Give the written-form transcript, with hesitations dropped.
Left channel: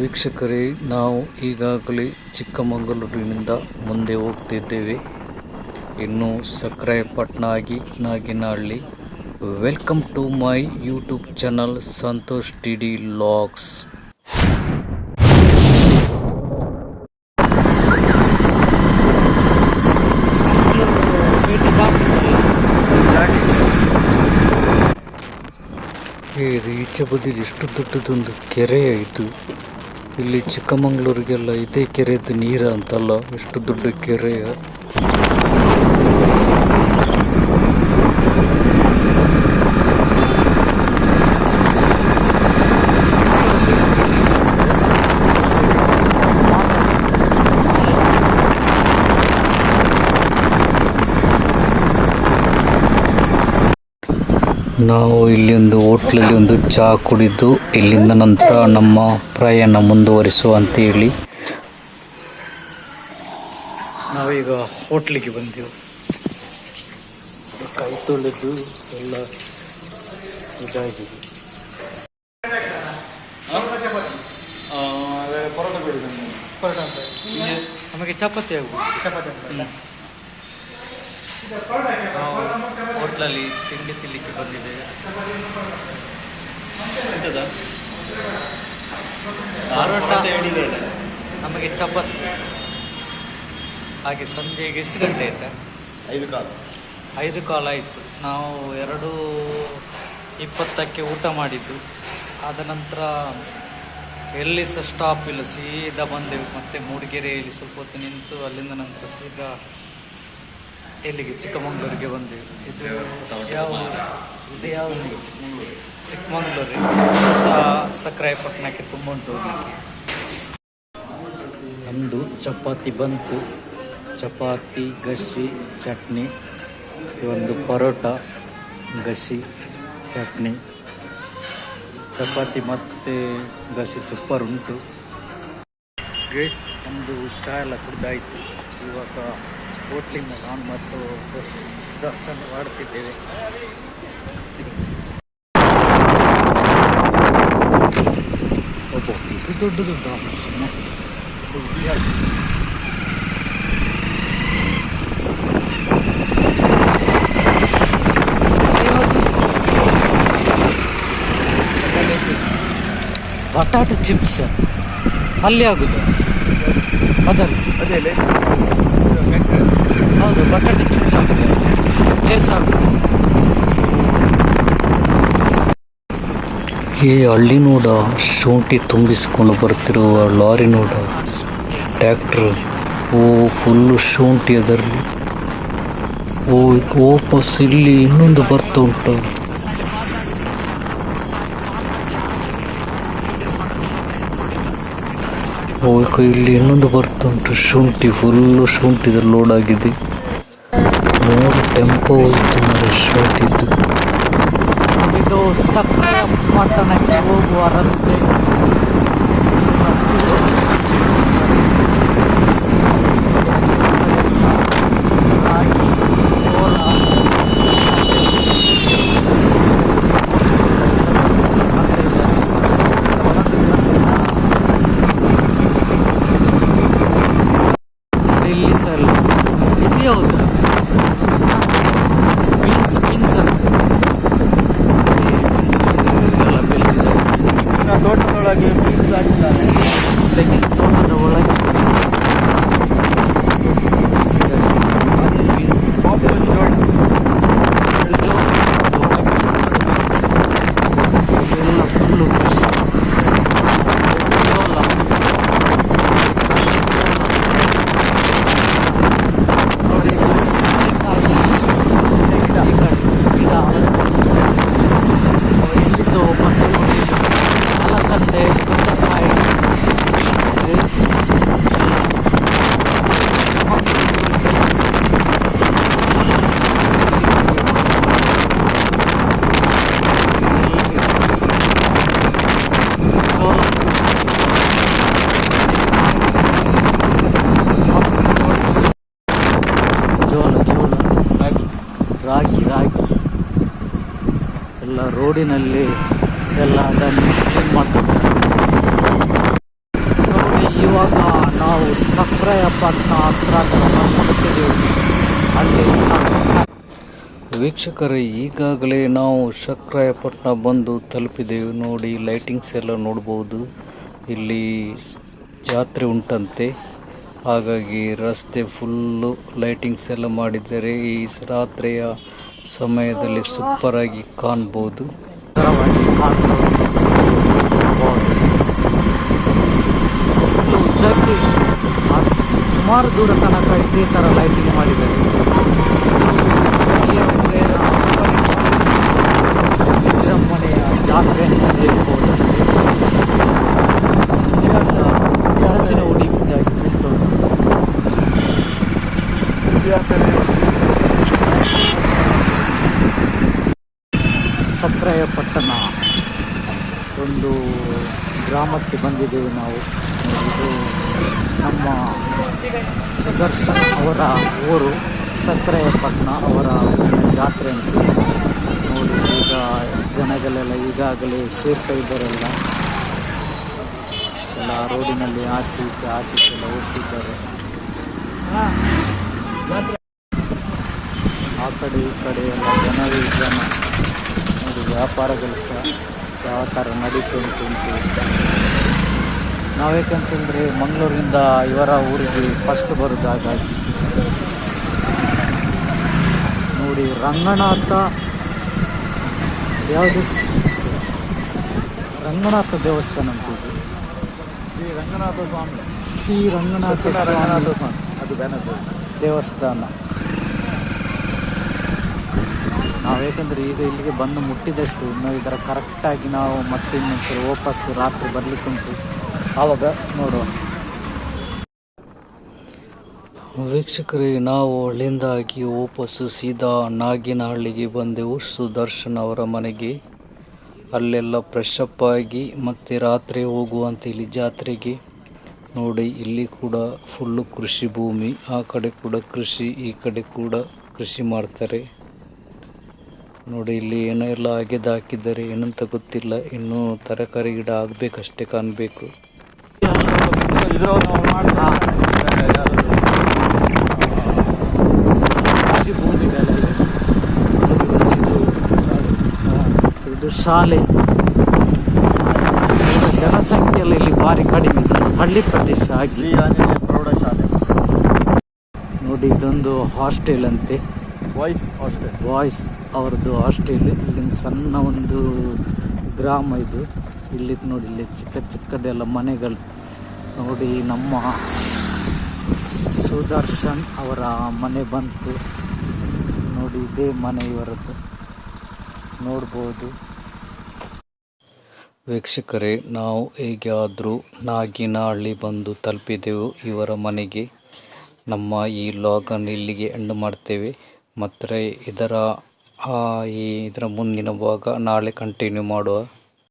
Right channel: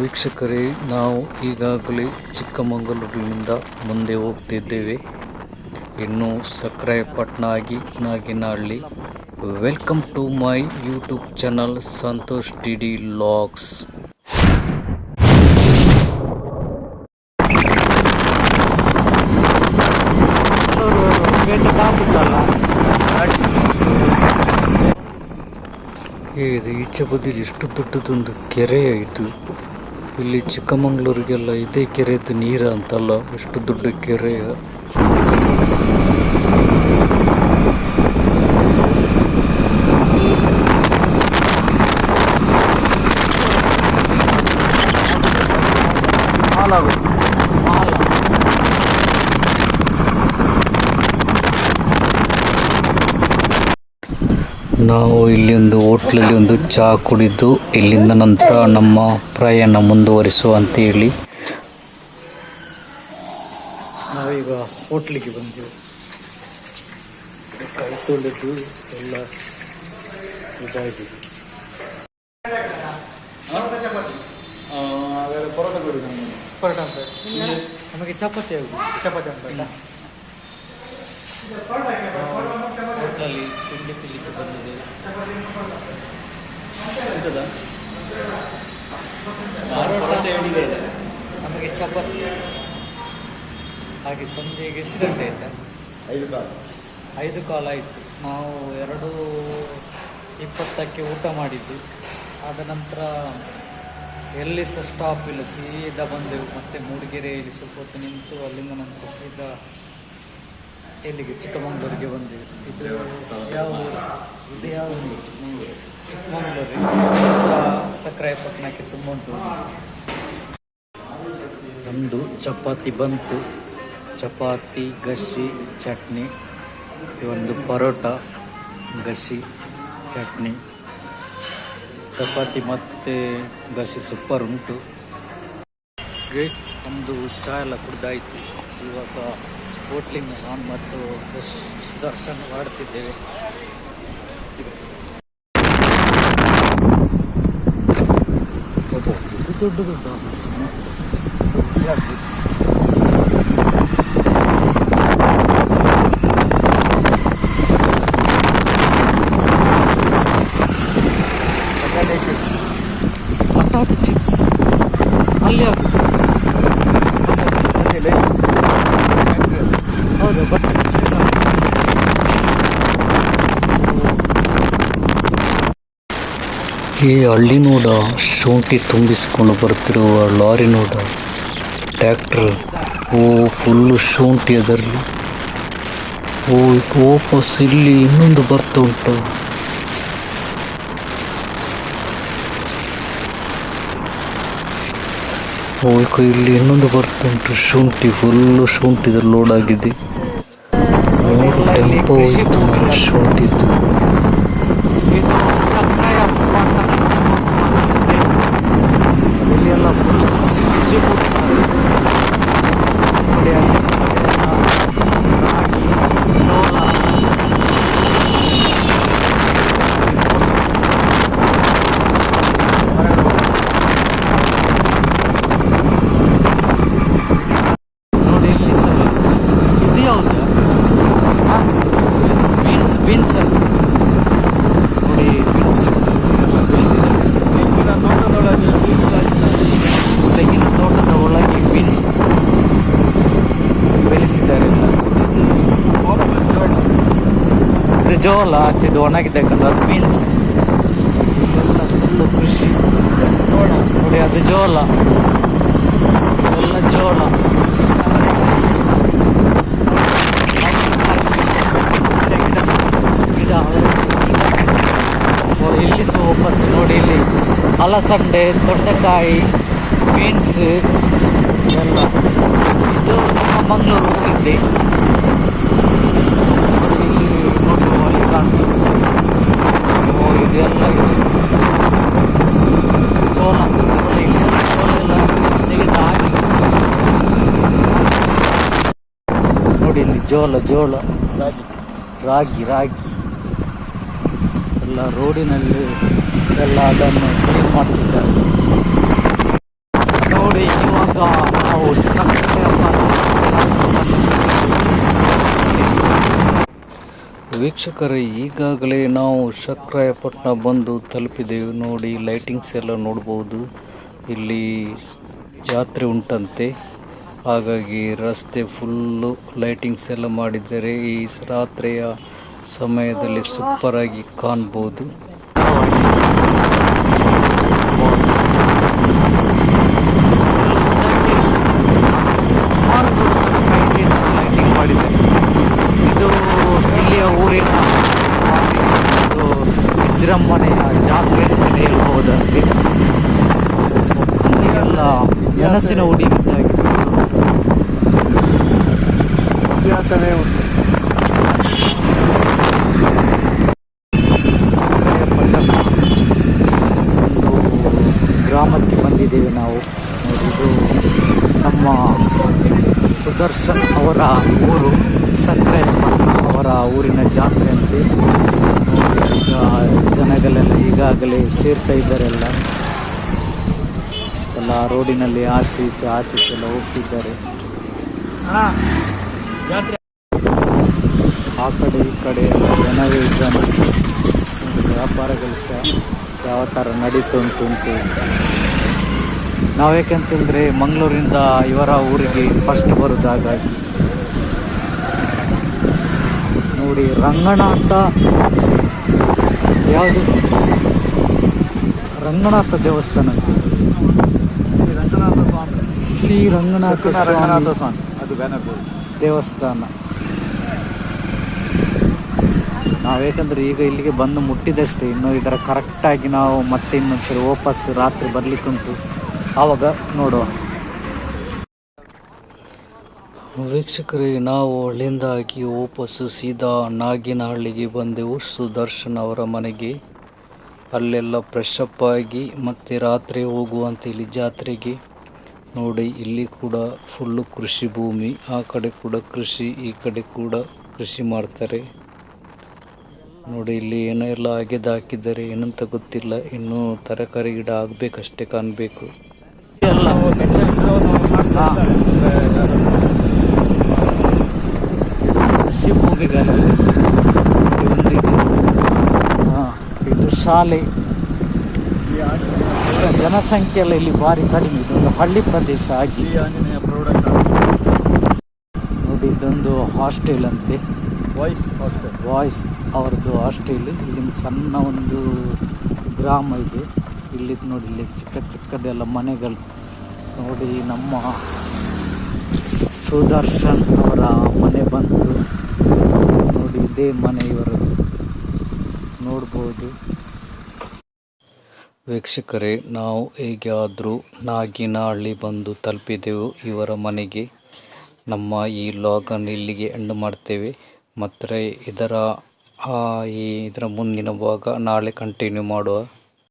ವೀಕ್ಷಕರೇ, ನಾವು ಈಗಾಗಲೇ ಚಿಕ್ಕಮಗಳೂರಿನಿಂದ ಮುಂದೆ ಹೋಗ್ತಿದ್ದೇವೆ. ಇನ್ನು ಸಕ್ರಾಯಪಟ್ಟಣ ಆಗಿ Naginahalli. Welcome to my YouTube channel Santosh DD vlogs. ಇದು ಈಚೆ ಬದಿಲಿ ಎಷ್ಟು ದೊಡ್ಡದೊಂದು ಕೆರೆ ಇದು. ಇಲ್ಲಿ ಚಿಕ್ಕಮಗಳೂರಿಗೆಲ್ಲ ಇದೇ ಕೆರೆದು ನೀರು ಅಂತಲ್ಲ, ಎಷ್ಟು ದೊಡ್ಡ ಕೆರೆ. ನಾವು ಇಲ್ಲಿ ಒಂದು ಹೋಟ್ಲಲ್ಲಿ ಒಂದು ಚಹಾ ಕುಡಿದು ಇಲ್ಲಿಂದ ನಂತರ ನಮ್ಮ ಪ್ರಯಾಣ ಮುಂದುವರಿಸುವ ಅಂತೇಳಿ ನಾವೀಗ ಹೋಟ್ಲಿಗೆ ಬಂದೆವು. ಕೈ ತೊಳೆದು ಎಲ್ಲ ಇದಾಗಿದೆ. ನಮಗೆ ಚಪಾತಿ ಹೋಟ್ಲಲ್ಲಿ ತಿಂಡಿ ತಿನ್ನಲಿಕ್ಕೆ ಬಂದಿದ್ದೇವೆ. ನಮಗೆ ಚಪಾತಿ. ಹಾಗೆ ಸಂಜೆಗೆ ಎಷ್ಟು ಗಂಟೆ ಆಯ್ತಾ? 5:15 ಆಯಿತು. ನಾವು 2:20ಕ್ಕೆ ಊಟ ಮಾಡಿದ್ದು. ಆದ ನಂತರ ಎಲ್ಲಿ ಸಹ ಸ್ಟಾಪ್ ಇಲ್ಲ, ಸೀದಾ ಬಂದೆವು. ಮತ್ತೆ ಮೂಡಿಗೆರೆಯಲ್ಲಿ ಸ್ವಲ್ಪ ಹೊತ್ತು ನಿಂತು ಅಲ್ಲಿಂದ ನಂತರ ಸೀದಾ ಎಲ್ಲಿಗೆ ಚಿಕ್ಕಮಗಳೂರಿಗೆ ಬಂದೆವು. ಇದು ಯಾವ ಚಿಕ್ಕಮಗಳೂರು ಸಹ ಸಕ್ರಾಯಪಟ್ಟಣಕ್ಕೆ ತುಂಬ ಉಂಟು. ನಮ್ಮದು ಚಪಾತಿ ಬಂತು. ಚಪಾತಿ, ಗಸಿ, ಚಟ್ನಿ, ಒಂದು ಪರೋಟ, ಗಸಿ, ಚಟ್ನಿ, ಚಪಾತಿ ಮತ್ತು ಗಸಿ ಸೂಪರ್ ಉಂಟು. ನಮ್ಮದು ಚಹಾ ಎಲ್ಲ ಕುಡ್ದಾಯಿತು. ಇವಾಗ ಹೋಟ್ಲಿಂದ ನಾನು ಮತ್ತು ದರ್ಶನ ಮಾಡ್ತಿದ್ದೇವೆ. ಇದು ದೊಡ್ಡದು ಬಟಾಟೆ ಚಿಪ್ಸ್ ಅಲ್ಲಿ ಆಗುದು. ಅದೇ ಹೌದು, ಬಟಾಟೆ ಚಿಪ್ಸ್ ಆಗುತ್ತೆ. ಪ್ಲೇಸ್ ಆಗುತ್ತೆ. ಈ ಹಳ್ಳಿ ನೋಡ ಶುಂಠಿ ತುಂಬಿಸಿಕೊಂಡು ಬರ್ತಿರುವ ಲಾರಿ ನೋಡ, ಟ್ಯಾಕ್ಟ್ರ್. ಫುಲ್ಲು ಶುಂಠಿ ಅದರಲ್ಲಿ. ವಾಪಸ್ ಇಲ್ಲಿ ಇನ್ನೊಂದು ಬರ್ತಾ ಉಂಟು. ಇಲ್ಲಿ ಇನ್ನೊಂದು ಬರ್ತಾ ಉಂಟು. ಶುಂಠಿ, ಫುಲ್ಲು ಶುಂಠಿದಲ್ಲಿ ಲೋಡ್ ಆಗಿದೆ. 3 ಟೆಂಪೋ ಹೋಯ್ತು ಮಾರೆ ಶುಂಠಿದ್ದು. ಇದು ಸಕ್ರಾಯಪಟ್ಟಣಕ್ಕೆ ಹೋಗುವ ರಸ್ತೆ. ಇಲ್ಲೆಲ್ಲ ಫುಲ್ಲು ರಾಗಿ, ಜೋಳ, ನೋಡಿ ಇಲ್ಲಿ ಸರ್. ಇದು ಯಾವುದು? ಬೀನ್ಸ್ ಅಂತ ನೋಡಿ. ಬೀನ್ಸ್ ಎಲ್ಲ ಬೆಳೆದಿದ್ದಾರೆ. ತೆಂಗಿನ ತೋಟದ ಒಳಗೆ ಬೀನ್ಸ್ ಬೆಳೆಸಿದ್ದಾರೆ. ಇದು ಜೋಳ, ಅದು ಒಣಗಿದೆ, ಅದು ಬೀನ್ಸ್. ಇಲ್ಲೆಲ್ಲ ಫುಲ್ಲು ಕೃಷಿ. ಅದು ಜೋಳ. ಇಲ್ಲಿ ಸಹ ವಾಪಸ್ ನೋಡಿ, ಇಲ್ಲಿ ಅಲಸಂಡೆ, ತೊಂಡೆಕಾಯಿ, ಬೀನ್ಸ್ ಎಲ್ಲ. ಇದು ಮಂಗಳೂರಿಗೆ ಇದೆಲ್ಲ ಜೋಳ, ಜೋಳ, ರಾಗಿ ಎಲ್ಲ ರೋಡಿನಲ್ಲಿ ಎಲ್ಲ ಅದನ್ನು ಕ್ಲೀನ್ ಮಾಡ್ತಿದ್ದಾರೆ. ಇವಾಗ ನಾವು ಸಕ್ರಾಯಪಟ್ಟಣ ವೀಕ್ಷಕರೇ, ಈಗಾಗಲೇ ನಾವು ಸಕ್ರಾಯಪಟ್ಟಣ ಬಂದು ತಲುಪಿದೆವು. ನೋಡಿ, ಲೈಟಿಂಗ್ಸ್ ಎಲ್ಲ ನೋಡ್ಬೋದು. ಇಲ್ಲಿ ಜಾತ್ರೆ ಉಂಟಂತೆ, ಹಾಗಾಗಿ ರಸ್ತೆ ಫುಲ್ಲು ಲೈಟಿಂಗ್ಸ್ ಎಲ್ಲ ಮಾಡಿದ್ದಾರೆ. ಈ ರಾತ್ರಿಯ ಸಮಯದಲ್ಲಿ ಸೂಪರ್ ಆಗಿ ಕಾಣ್ಬೋದು. ಸುಮಾರು ದೂರ ತನಕ ಇದೇ ಥರ ಲೈಟಿಂಗ್ ಮಾಡಿದ್ದಾರೆ. ಇದು ಇಲ್ಲಿಯ ಊರಿನ ವಿಜೃಂಭಣೆಯ ಜಾತ್ರೆ ಅಂತ ಹೇಳ್ಬೋದಂತೆ. ಇವೆಲ್ಲ ಮನಸ್ಸಿನ ಉಡಿಮುತ್ತಾಗಿ ಸಕ್ರಾಯಪಟ್ಟಣ ಒಂದು ಗ್ರಾಮಕ್ಕೆ ಬಂದಿದ್ದೇವೆ ನಾವು. ನೋಡಿ, ಇದು ನಮ್ಮ ಸುದರ್ಶನ್ ಅವರ ಊರು ಸಕ್ರಾಯಪಟ್ಟಣ, ಅವರ ಊರಿನ ಜಾತ್ರೆ ಅಂತ. ನೋಡಿ, ಈಗ ಜನಗಳೆಲ್ಲ ಈಗಾಗಲೇ ಸೇರ್ತಾ ಇದ್ದಾರೆಲ್ಲ. ಎಲ್ಲ ರೋಡಿನಲ್ಲಿ ಆಚೆ ಈಚೆ ಎಲ್ಲ ಹೋಗ್ತಿದ್ದಾರೆ. ಆ ಕಡೆ ಈ ಕಡೆ ಎಲ್ಲ ಜನವೇ ಜನ. ನೋಡಿ, ವ್ಯಾಪಾರಗಳು ಸಹ ಯಾವ ಥರ ನಡೀತು ಉಂಟು. ನಾವೇಕಂತಂದರೆ ಮಂಗಳೂರಿಂದ ಇವರ ಊರಿಗೆ ಫಸ್ಟ್ ಬರೋದು, ಹಾಗಾಗಿ ನೋಡಿ ರಂಗನಾಥ, ಯಾವುದು ರಂಗನಾಥ ದೇವಸ್ಥಾನ ಅಂತ, ಶ್ರೀ ರಂಗನಾಥ ಸ್ವಾಮಿ ದೇವಸ್ಥಾನ. ನಾವೇಕಂದ್ರೆ ಈಗ ಇಲ್ಲಿಗೆ ಬಂದು ಮುಟ್ಟಿದಷ್ಟೇ, ಇನ್ನು ಇದರ ಕರೆಕ್ಟಾಗಿ ನಾವು ಮತ್ತೆ ಇನ್ನೊಂದ್ಸರಿ ವಾಪಸ್ ರಾತ್ರಿ ಬರಲಿಕ್ಕುಂಟು, ಆವಾಗ ನೋಡುವ. ವೀಕ್ಷಕರೇ, ನಾವು ಅಲ್ಲಿಂದಾಗಿ ವಾಪಸ್ಸು ಸೀದಾ ನಾಗಿನಹಳ್ಳಿಗೆ ಬಂದೆವು, ಸುದರ್ಶನ್ ಅವರ ಮನೆಗೆ. ಅಲ್ಲೆಲ್ಲ ಫ್ರೆಶ್ ಅಪ್ ಆಗಿ ಮತ್ತೆ ರಾತ್ರಿ ಹೋಗುವಂತ ಇಲ್ಲಿ ಜಾತ್ರೆಗೆ. ನೋಡಿ, ಇಲ್ಲಿ ಕೂಡ ಫುಲ್ಲು ಕೃಷಿ ಭೂಮಿ, ಆ ಕಡೆ ಕೂಡ ಕೃಷಿ, ಈ ಕಡೆ ಕೂಡ ಕೃಷಿ ಮಾಡ್ತಾರೆ. ನೋಡಿ, ಇಲ್ಲಿ ಏನೋ ಎಲ್ಲ ಹಾಕಿದ್ದಾರೆ, ಏನಂತ ಗೊತ್ತಿಲ್ಲ. ಇನ್ನೂ ತರಕಾರಿ ಗಿಡ ಆಗಬೇಕಷ್ಟೇ, ಕಾಣಬೇಕು. ಇದು ಶಾಲೆ. ಜನಸಂಖ್ಯೆ ಎಲ್ಲ ಇಲ್ಲಿ ಭಾರಿ ಕಡಿಮೆ, ಇದೊಂದು ಹಳ್ಳಿ ಪ್ರದೇಶ ಆಗಿ. ನೋಡಿ, ಇದೊಂದು ಹಾಸ್ಟೆಲ್ ಅಂತೆ, ವಾಯ್ಸ್ ಅವರದ್ದು ಹಾಸ್ಟೆಲ್. ಇಲ್ಲಿಂದ ಸಣ್ಣ ಒಂದು ಗ್ರಾಮ ಇದು. ಇಲ್ಲಿ ನೋಡಿ, ಇಲ್ಲಿ ಚಿಕ್ಕದೆಲ್ಲ ಮನೆಗಳು. ನೋಡಿ, ನಮ್ಮ ಸುದರ್ಶನ್ ಅವರ ಮನೆ ಬಂತು. ನೋಡಿ, ಇದೇ ಮನೆ ಇವರದ್ದು, ನೋಡ್ಬೋದು. ವೀಕ್ಷಕರೇ, ನಾವು ಹೇಗಾದರೂ ನಾಗಿನಹಳ್ಳಿ ಬಂದು ತಲುಪಿದೆವು ಇವರ ಮನೆಗೆ. ನಮ್ಮ ಈ ಲಾಗನ್ನು ಇಲ್ಲಿಗೆ ಎಂಡ್ ಮಾಡ್ತೇವೆ. ಮತ್ತು ಇದರ ಮುಂದಿನ ಭಾಗ ನಾಳೆ ಕಂಟಿನ್ಯೂ ಮಾಡುವ.